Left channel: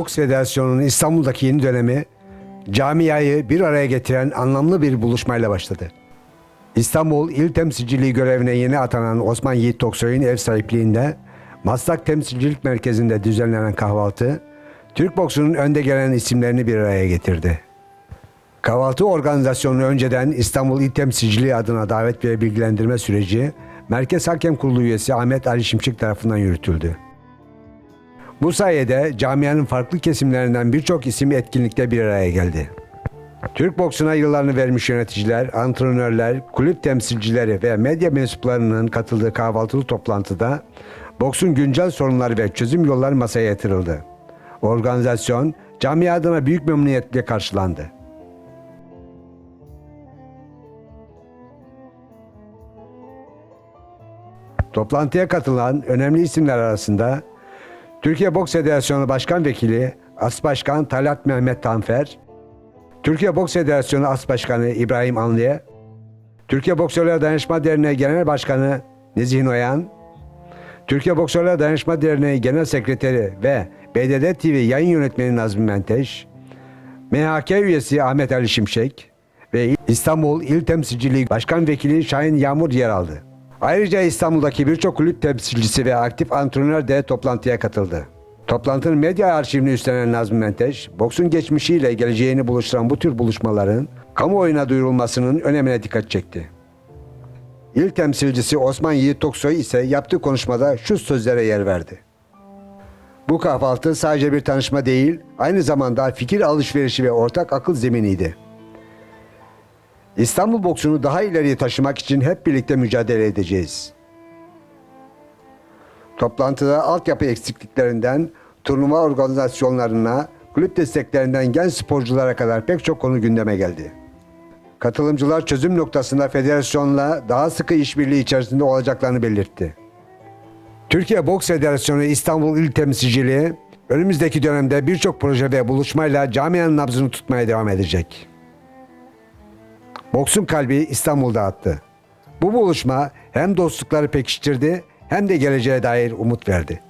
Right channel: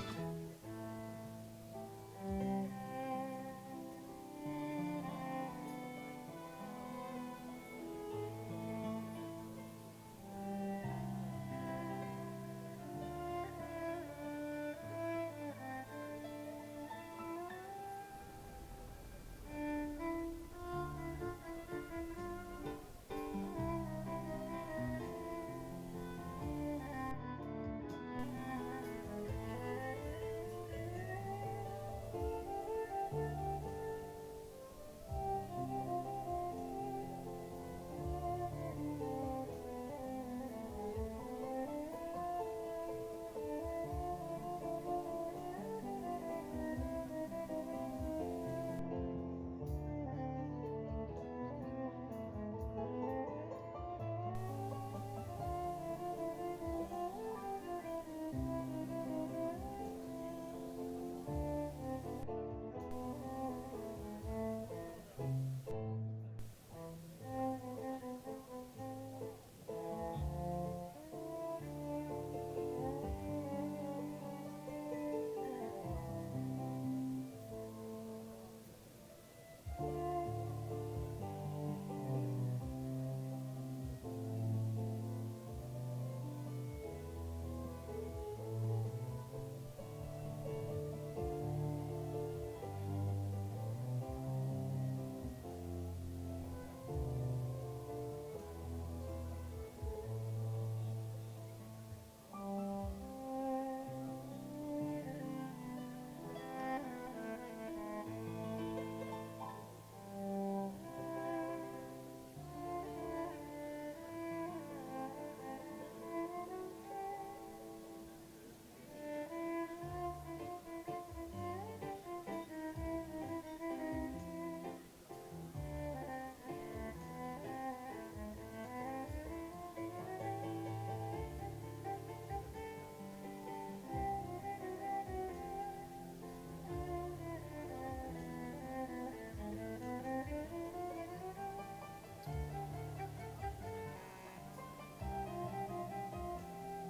Boks Federasyonu'nun İstanbul'daki yeni dönemi camiayı bir araya getiren anlamlı bir buluşmayla başladı. İstanbul İl Temsilciliği görevine yeni atanan Osman Yiğit Toksoy'un ev sahipliğinde Maslak Temsilcilik Merkezi'nde düzenlenen kahvaltı, Türk boksunun önde gelen isimlerini bir araya getirdi. Kahvaltı organizasyonu önceden İstanbul İl Temsilciliği adına davet ve bilgilendirme süreci Merkez Hakem Kurulu üyesi Ahmet Ali Şimşek tarafından yürütüldü. Bu sayede camianın farklı kesimlerinden birçok isim etkinlikte bir araya geldi. Türk boksuna yıllarını vermiş yöneticiler, antrenörler, kulüp temsilcileri ve medya mensuplarının katıldığı kahvaltılı toplantıda boksun güncel sorunları ve çözüm yolları masaya yatırıldı. Organizasyon camia adına büyük memnuniyetle karşılandı. Toplantıya katılan önemli isimler arasında Türkiye Boks Federasyonu Başkan Vekili As Başkan Talat Mehmet Tanfer, Türkiye Boks Federasyonu As Başkanı İbrahim Anlı'ya, Türkiye Boksörler Dayanışma Derneği Genel Başkanı Nezih Noyan, Türkiye Boksörler Dayanışma Derneği Genel Sekreteri ve BDD TV yayın yönetmeni Nazmi Menteş, MHK üyesi Ahmet Ali Şimşek ve İstanbul İl Temsilciliği Başkan Vekili Şahin Yağmur yer aldı. Ayrıca İstanbul'daki birçok kulüp temsilcisi ve aktif antrenör de toplantıya katıldı. Toplantının medya arşivini üstlenen Nazmi Menteş, boksun geçmişiyle geleceğini buluşturan bu tür buluşmaların kamuoyuna duyurulmasının önemine dikkat çekti. İl temsilcisi Osman Yiğit Toksoy ise yaptığı konuşmada şu sözlere yer verdi. Bu kahvaltı sadece bir tanışma değil, aynı zamanda fikir alışverişi ve ortak akıl zeminiydi. İstanbul boksunu daha ileriye taşımak için hep birlikte mücadele edeceğiz. Toplantıda altyapı eksikliklerinden turnuva organizasyonlarına, kulüp desteklerinden genç sporculara kadar pek çok konu gündeme geldi. Katılımcılar çözüm noktasında federasyonla daha sıkı işbirliği içerisinde olacaklarını belirtti. Türkiye Boks Federasyonu İstanbul İl Temsilciliği önümüzdeki dönemde birçok proje ve buluşmayla camianın nabzını tutmaya devam edecek. Boksun kalbi İstanbul'da attı. Bu buluşma hem dostlukları pekiştirdi hem de geleceğe dair umut verdi.